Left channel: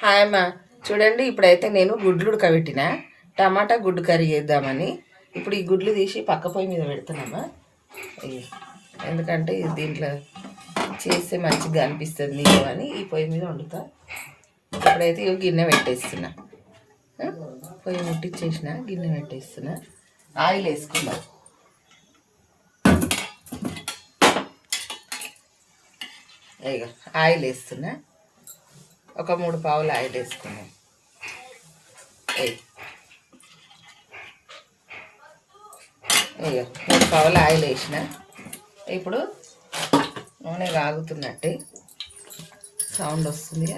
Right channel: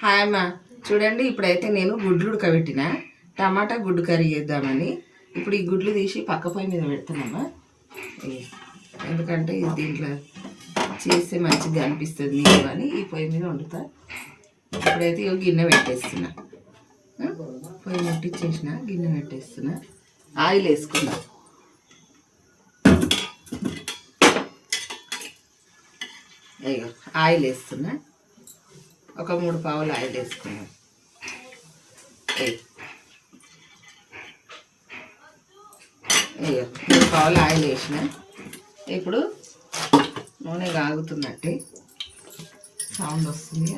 Hi అమ్మ. చూడండి, ఇప్పుడైతే నేను గుడ్లు ఉడకబెట్టిన టమాటా గుడ్డు కర్రీ చేద్దామని ఇప్పుడు ఈ గుడ్లు తీసి పక్క పొయ్యి మీద పెడుతున్నామా. ఎందుకంటే దీంట్లో చేస్తే మంచిగా అనిపిస్తుంది నీకు అని ఈ పొయ్యి మీద వండుతా. ఇప్పుడైతే ఇక గిన్నె పెట్టేస్తున్నా, పొయ్యి ముట్టించేసిన గిన్నె పెట్టేస్తున్నా. ఆయిల్ వేసుకున్నా. ఇక ఆయిల్ వేస్తున్నా. ఒక 3 పావులు ఆయిల్ వేసుకున్నాం. 3 పావులు ఆయిల్ వేసిన. ఇప్పుడు నూనె కాగుతున్నట్టే సౌండ్ వస్తుంది.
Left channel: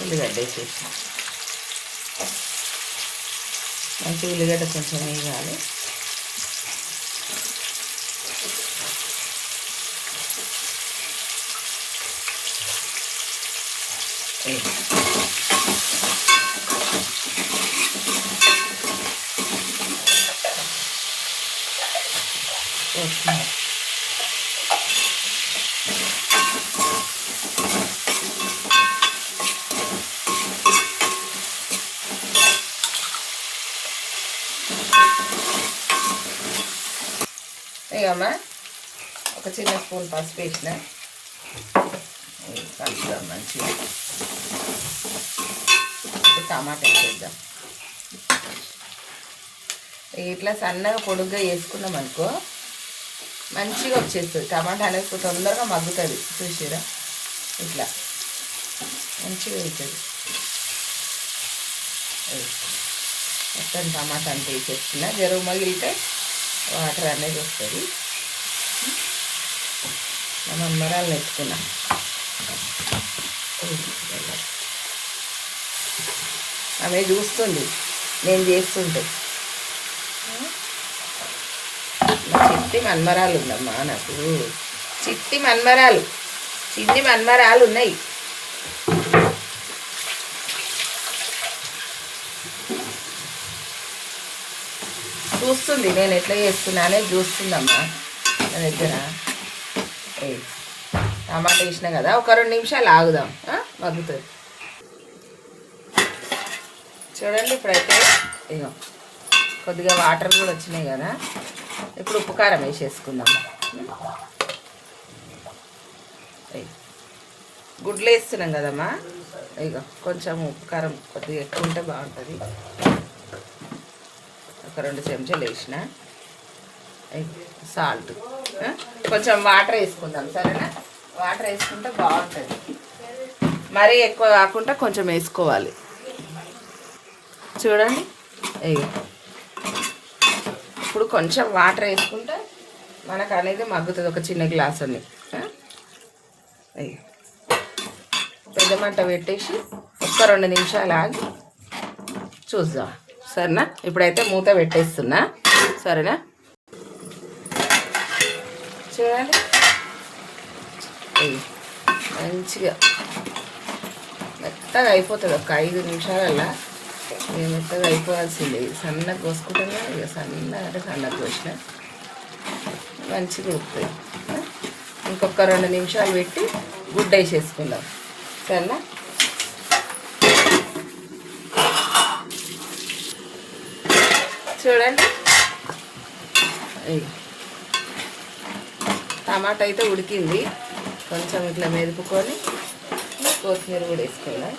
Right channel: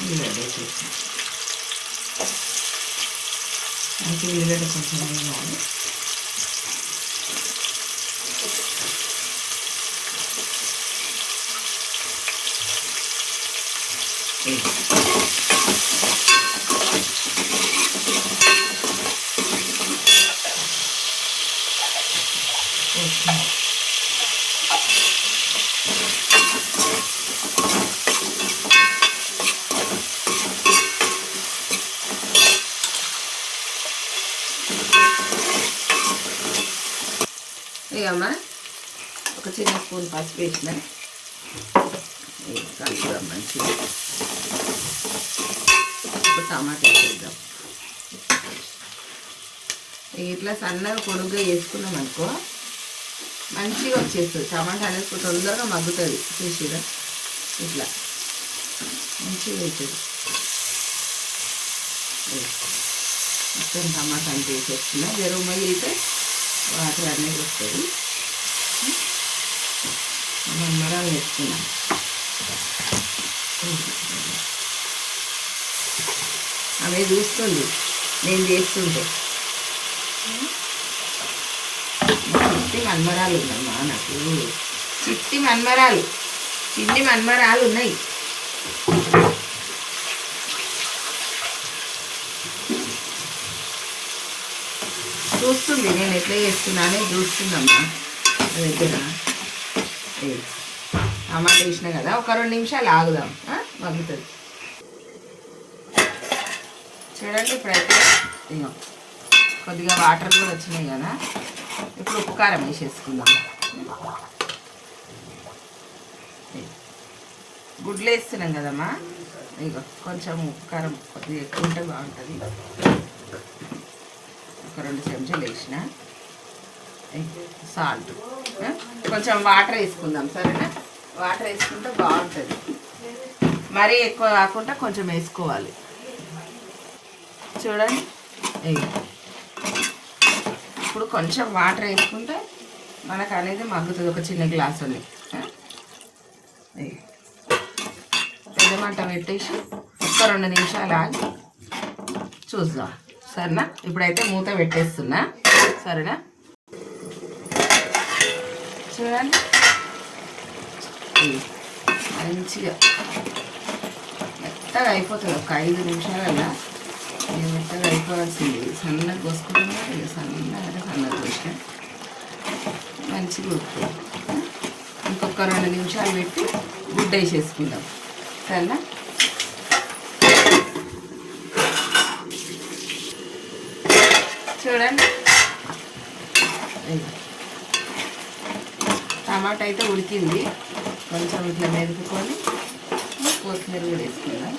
ఉల్లిగడ్డ వేసేసిన. మంచి ఉల్లిగడ్డ కొంచెం వేయాలి. ఇకమ్మా ఒక చిన్న స్పూన్ పసుపు వేసిన. మంచిగా టమాటా వేద్దాం. ఇట్లా సన్నగా పొడుగ్గా వేసుకున్నాం అనుకో మంచిగా వచ్చేస్తుంది. టమాటా అనేది తొందరగా మగ్గుతుంది. చూసిరా, ఇట్లా మంచిగా అవుతుంది. మొత్తం టమాటా అంతా వేసేస్తున్నా. జరుగు మగిలితే వాటర్ అనేది వస్తుంది. మనం మిరాలు వేసుకున్నాం. ఆమె చూస్తుంది నేను చేస్తుంటే. చిట్టి మన్మరాలు ఉందమ్మా నాకు. చిట్టి మన్మరాలు, చిన్ని మన్మరాలు ఉన్నాయి. చూస్తుంది నేను ఎట్లా చేస్తున్నానే చూస్తుందమ్మా నా దగ్గర. టమాటా వేసినా కదా, ఒక 2 నిమిషాలు ఆగుదాం, మగ్గుతుంది. చూడండి, ఇప్పుడైతే ఇగో కొద్దిగా వాటర్ కూడా వచ్చినాయి కదా. ఇప్పుడు ఉప్పు కారం వేసేసుకుందాం. గుడ్లు వేస్తున్నాం కదమ్మా. ఇక కొంచెం ఉప్పు కారం కొద్దిగా ఎక్కువ ఉంటే బాగుంటుంది. ఒక 2 చెంచాలు వేసిన. సాల్ట్, కొంచెం వాటర్ వేసుకుందాం. సరేనా? వాటర్ వేసుకుంటే బాగుంటుంది. మరీ ఎక్కువ కాకుండా కొంచెం వేసుకోవాలి. చూడండి, ఇప్పుడు కొంచెం వాటర్ వేసుకుంటే మనకు అనేది మగ్గుతుంది. ఒక చిన్న గ్లాస్ ఉంది. పెద్ద మంట పెట్టేసి ఒక్క 2 నిమిషాలు ఆగి చూద్దాం. సరేనా? ఇప్పుడైతే మూత పెట్టేస్తున్నా. సరేనా? చూడండి, మంచిగా మెత్తగా అయిపోతుంది. ఒక 5 నిమిషాలల్లా మెత్తగా అయిపోవాల్సింది. సన్నగా కోసుకుంటున్నా. ఇక సన్నగా అంటే సన్నగా కోసిన మంచిగా ఉప్పు. ఇంకొక 2 నిమిషాలు పెట్టి గుడ్డ వేసేసుకుందాం. సరేనా? చూడండి, టమాటా అయితే ఉడికింది. కొంచెం ఇట్లా మెదుపుకొని కొత్తిమీర కూడా వేసుకుందాం.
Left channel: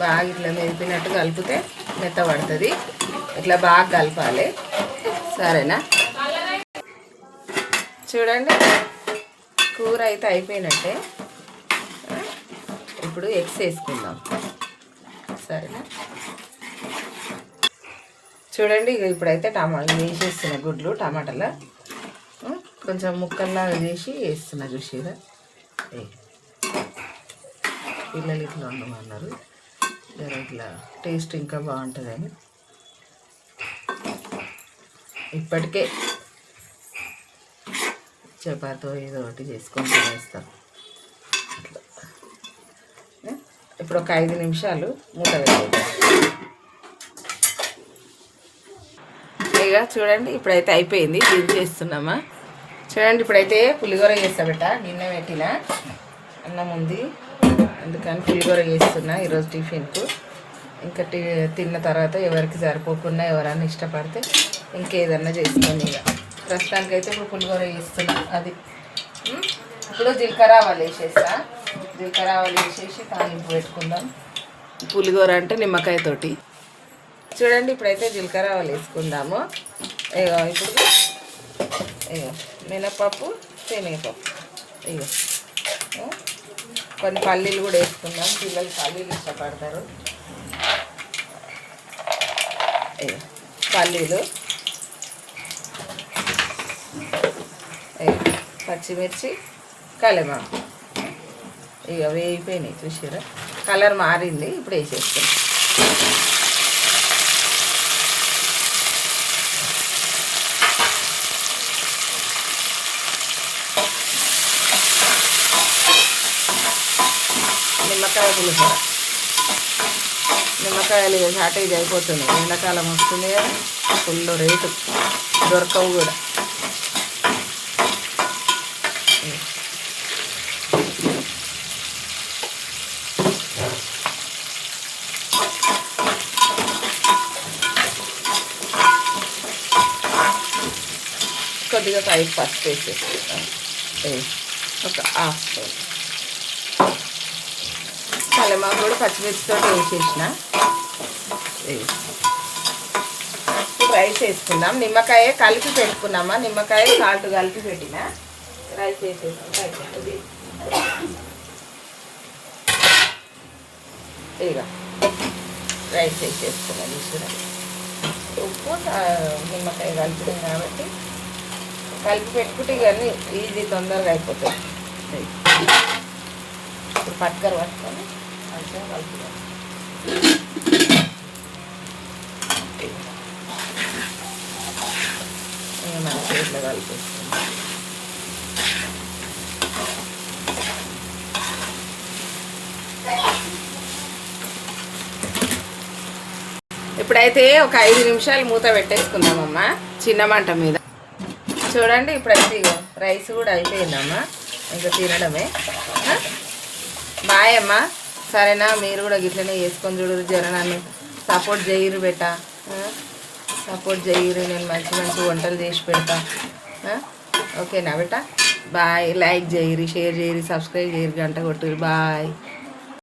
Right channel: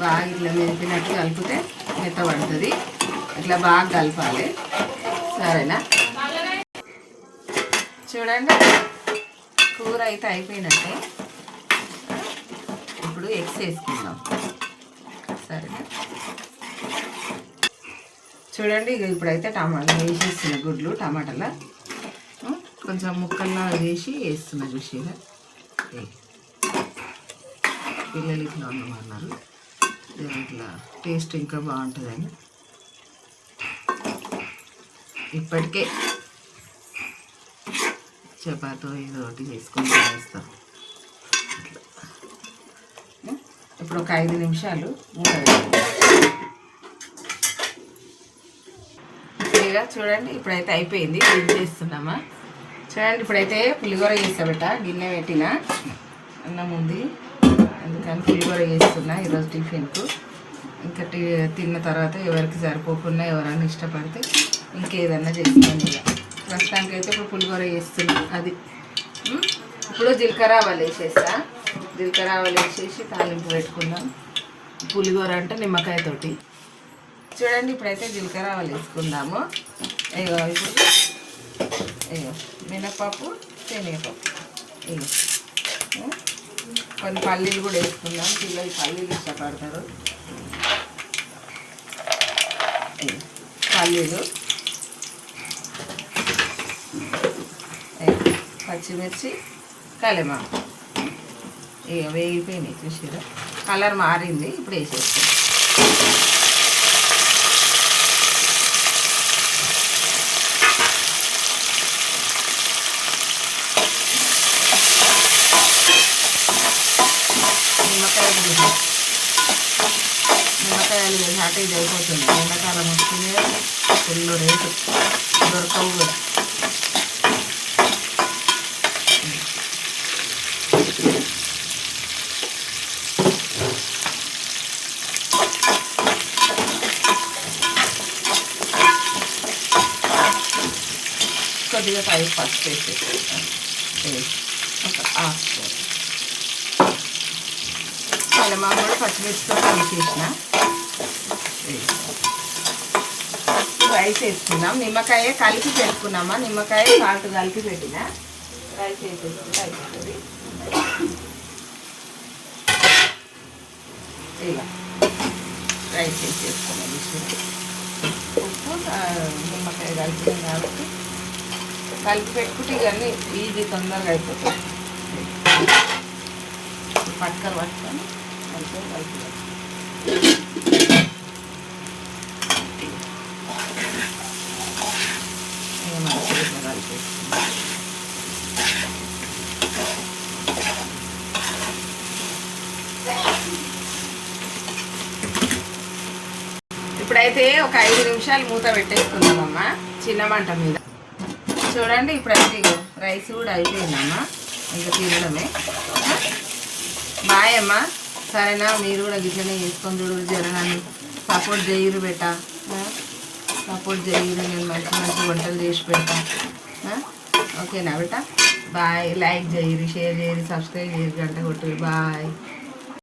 బాగా ఇట్లా మెదిపినట్టు కలిపితే మెత్తబడుతుంది. ఇట్లా బాగా కలపాలి. సరేనా? చూడండి, కూర అయితే అయిపోయినట్టే. ఇప్పుడు ఎగ్స్ వేసుకుందాం. సరేనా? చూడండి, ఇక ఇప్పుడైతే టమాటా వేసేస్తున్నా. గుడ్లు టమాటాలో కొంచెం ముక్కల్లా వేసి వేస్తున్నా. చూసిగా పిల్లలు ఇట్లా ఉండమన్నారు. ఇట్లా టేస్ట్ ఇంకా బాగుంటుందని ఇప్పటికే చపాతో ఏదో ఒకటి చేసుకొని తినేస్తాం. అట్లా ఇప్పుడు ఒక 5 నిమిషాలు మూత వేయాలి. ఇక చూడండి, ఇప్పుడైతే అయిపోయింది. ఇది చేస్తున్నామా. చూడండి, ఇప్పుడైతే పులిహోర చేస్తా. గిన్నె పెట్టిన అన్నం ఉంది, అందుకని పులిహోర చేస్తున్నా ఈరోజు టిఫిన్కు. ఇంకా తిన్న తర్వాత ఎవరికి సరిపోకుండా ఎవరైనా ఇష్టపడితే ఇంకేదన్నా చేస్తాను. ఇక ప్రస్తుతానికైతే ఇప్పుడు పులిహోర చేస్తున్నా. అది ఇప్పుడు జీలకర్ర ఆవాలు వేసేస్తా. జీలకర్ర ఆవాలు వేసేసి తాలింపు పెట్టుకుందాం. పులిహోర అంటే నిమ్మకాయతోటి. చూడండి ఇప్పుడైతే జీలకర్ర ఆవాలు వేసుకుందాము. ఇగో ఇప్పుడు ఇగో మినపప్పు, శనగపప్పు, ఇగో కొన్ని పల్లీలు కూడా వేసుకుందాం. పిల్లలు పల్లీలు ఇష్టపడతారు. పల్లీలు, పచ్చిమిర్చి, కలెమాకు ఇక వేగిపోయినాయి. చూసారా కలర్ మారింది. ఇప్పుడు వేసేస్తాం. నిమ్మకాయలు షార్టేజ్ అయిపోతుంది. ఎండాకాలం వస్తుంది, ఫుల్ రేటు, దొరకవు కూడా. కొద్దిగా పైకి పసుపు వేసేస్తాం. ఒక హాఫ్ స్పూన్ కలెమాకు కూడా పచ్చిమిర్చితో వేసేసిన. రైస్ వేసుకుందాం. నిమ్మకాయ కలిపి పెట్టుకున్నామా, నిమ్మకాయ సాల్ట్ కలిపి పెట్టిన రైస్ వేసేసుకుంటే అయిపోతుంది. ఇక రైస్ వేసేసుకున్నాం. ఉప్పు నిమ్మకాయ కలిపినాం కాబట్టి కలిపి పెట్టుకుంటే ఇవన్నీ ఈజీ, తొందరగా అయిపోతాయి. పట్టుకర పట్టుకొని మంచిగా కలుపుతాం. మంచిగా ఇట్లా కలిపేసుకుంటాం. ఇప్పుడైతే ఒక 5 నిమిషాలు మూత పెట్టేసుకుందామమ్మా చిన్న మంట మీద. చూడండి ఇప్పుడైతే రైస్ కూడా అయిపోయిందమ్మా, ఇంకా తినడమే. బాయ్ అమ్మా. సరేనా, మీరు కూడా గిట్లనే చేసుకొని చూడరు. జనాన్ని సపోర్ట్ చేయరు బెట్ట, సపోర్ట్ చేయరు. నేను మంచి మంచి వంటలు చేసి పెడతా. ఓకేనా బెట్ట? బాయ్. లైక్ చేయరు, షేర్ చేయరు, సబ్స్క్రైబ్ చేయరు, గంట కొట్టురు. బాయ్.